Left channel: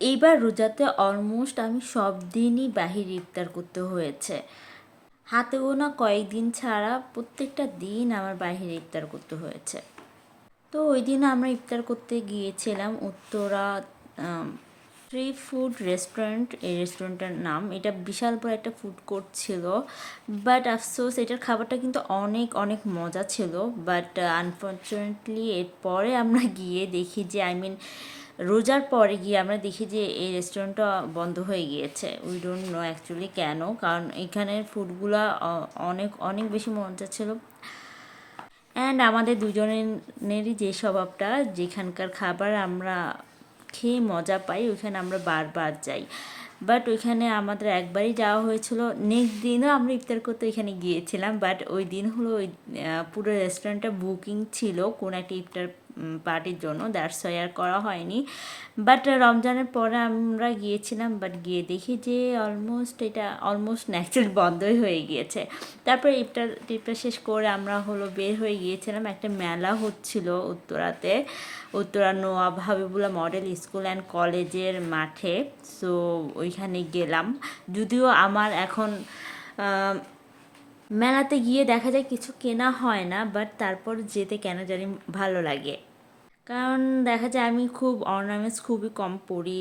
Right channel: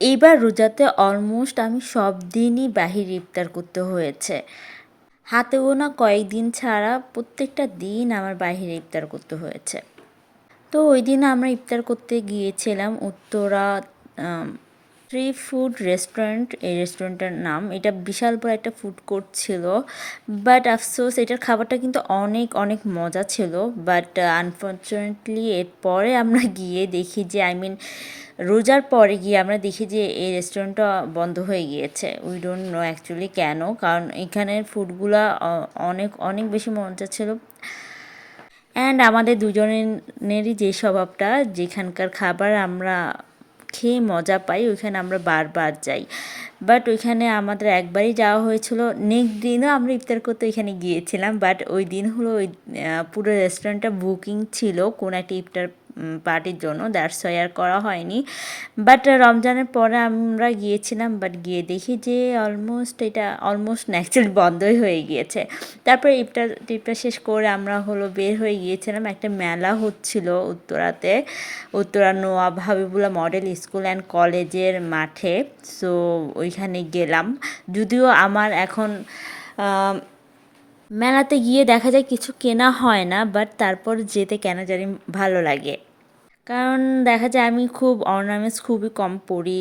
এইবার রোজাতে অলমোস্ট আমি সব দিনই বাহির ইফতার করতে হয়েছে। হাতে গোনা কয়েকদিন ছাড়া প্রত্যেকটা দিন আমার বাহিরে ইফতার করতে হয়েছে। তো ওই দিন আমরা ইফতার করতে গিয়েছিলাম উত্তরা ফ্রি ফুড রেস্টুরেন্ট এই রেস্টুরেন্টের নাম। এটা বিশাল বড় একটা ফুড কোর্ট ছিল বাট আফসোস এটার খাবারটা কিন্তু অনেক অনেক মজা ছিল বাট আনফর্চুনেটলি এরপরে আমরা গিয়ে দেখি যে আই মিন রোজার পরে গিয়ে আমরা দেখি যে এই রেস্টুরেন্টটা বন্ধ হয়ে গিয়েছে। উই ডোন্ট নো অ্যাকচুয়ালি কেন, কারণ এখানের ফুডগুলা অনেক অনেক বেশি মজা ছিল। অ্যান্ড আমাদের দুজনেরই যে স্বভাবটা, যেখানকার খাবার আমরা খেয়ে মজা পাই, ওইখানে আমরা বারবার যাই। বাট ওইখানে আমাদের একবারই যাওয়া হয়েছিল। নেক্সট দিনও আমরা ইফতার করতে ওইখানে গিয়েছিলাম বাট ওই দিন হলো ওই পুরো রেস্টুরেন্টটা বুকিং ছিল, কোনো একটা ইফতার পার্টির জন্য দ্যাটস ওয়াই আর করা হয়নি। বাট রমজানের পরে আমরা গিয়েছিলাম বাট গিয়ে দেখি যে অলমোস্ট এটা অলমোস্ট ন্যাচারালি বন্ধই হয়ে গিয়েছে। তারপরে ইফতার টিপটা শেষ করে আমরা হলো বের হয়ে গিয়েছিলাম, একটা মেলা হচ্ছিল উত্তরাতে। Uttara Nawab Habibullah model school and কলেজের মাঠে। সো ওইখানে গেলাম। যদিও আমার এখন মেলাতে গিয়ে দেখা যায় কিছু কেনা হয় না বাট তারপর যেতে কেন জানি ভালো লাগে। কারণ দেখা যায় আমি খুব অর্নামেন্টস খুবই কম পরি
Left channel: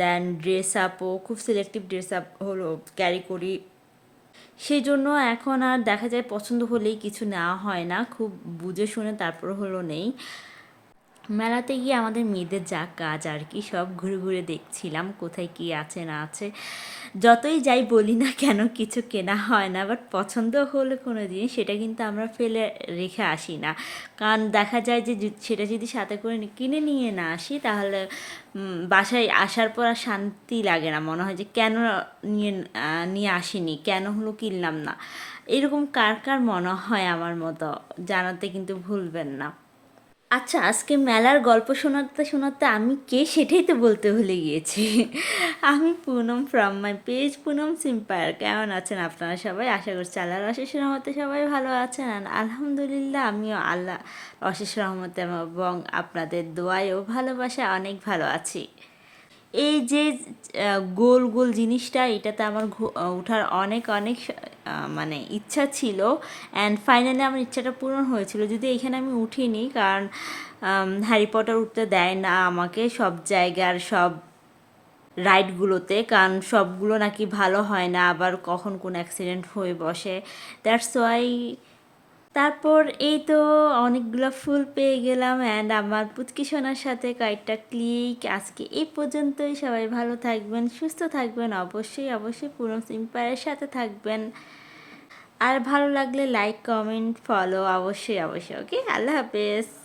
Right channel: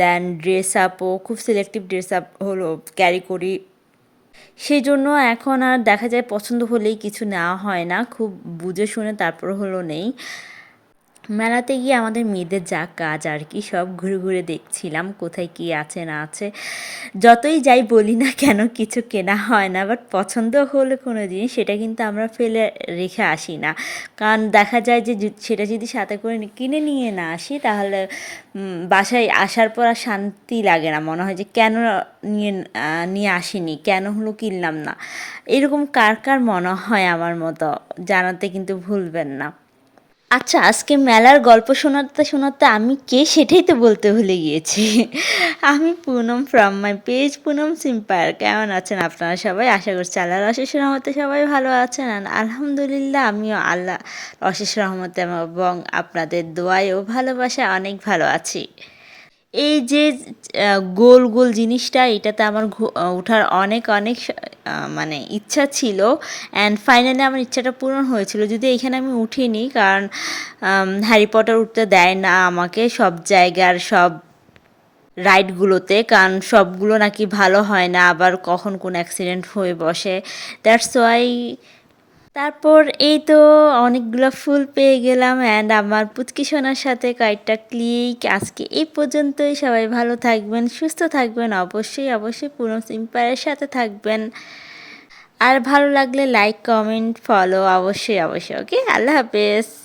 দেন ড্রেস আপও খুব সিলেক্টিভ ড্রেস আপ হলো ক্যারি করি। সেই জন্য এখন আর দেখা যায় পছন্দ হলেই কিছু নেওয়া হয় না, খুব বুঝে শুনে তারপর হলো নেই। মেলাতে গিয়ে আমাদের মেয়েদের যা কাজ আর কি, সব ঘুরে ঘুরে দেখছিলাম কোথায় কি আছে না আছে। যতই যাই বলি না কেন, কিছু কেনা হয় না বাট পছন্দ হলে কোনো জিনিস, সেটা কিন্তু আমরা ফেলে রেখে আসি না। কারণ দেখা যায় যে সেটা যদি সাথে করে কিনে নিয়ে না আসি, তাহলে বাসায় আসার পর আর শান্তি লাগে না। মনে হয় যে কেন নিয়ে নিয়ে আসিনি, কেন হলো কিনলাম না। এরকম কার কার মনে হয় আমার মতো, জানাতে কিন্তু ভুলবেন না। আচ্ছা আজকে মেলার গল্প শোনাতে শোনাতে আমি কে সেটাই তো বলতে ভুলে গিয়েছি। আমি Poonam from my page Poonam সিম্পার কেমন আছেন আপনারা সবাই? আশা করছি আল্লাহর অশেষ রহমতে সবাই ভালো আছেন। আর আলহামদুলিল্লাহ, আমিও আল্লাহ অশেষ রহমতে এবং আপনাদের দোয়ায়ও ভালোবাসা অনেক ভালো আছি। এই যে গোল গোল জিনিসটা, এটাতে আমার ওঠার অনেক অনেক মানে ইচ্ছা ছিল। অ্যান্ড ফাইনালি আমার ইচ্ছাটা পূরণ হয়েছিল। যদি এখানে আমি উঠিনি, কারণ হ্যারি পটার উঠতে দেয় না আমাকে সব জায়গার, সব রাইডগুলোতে, কারণ সবগুলো নাকি ভালো হয় না। আবার কখন কোন অ্যাক্সিডেন্ট হয়ে বসে। দ্যাটস ওয়াই তারপর এই তো অনেকগুলো ফুল পেয়ে গেলাম অ্যান্ড আমার পুচকি সোনার সাথে কয়েকটা ক্লিক আজকে এই পর্যন্তই, সবাই ভালো থাকবেন, সুস্থ থাকবেন, অবশ্যই অবশ্যই পুরো সিম্পায়ারের সাথে থাকবেন। আর ভালো লাগলে লাইক কমেন্ট ফলো অবশ্যই অবশ্যই ওকে আল্লাহ হাফেজ।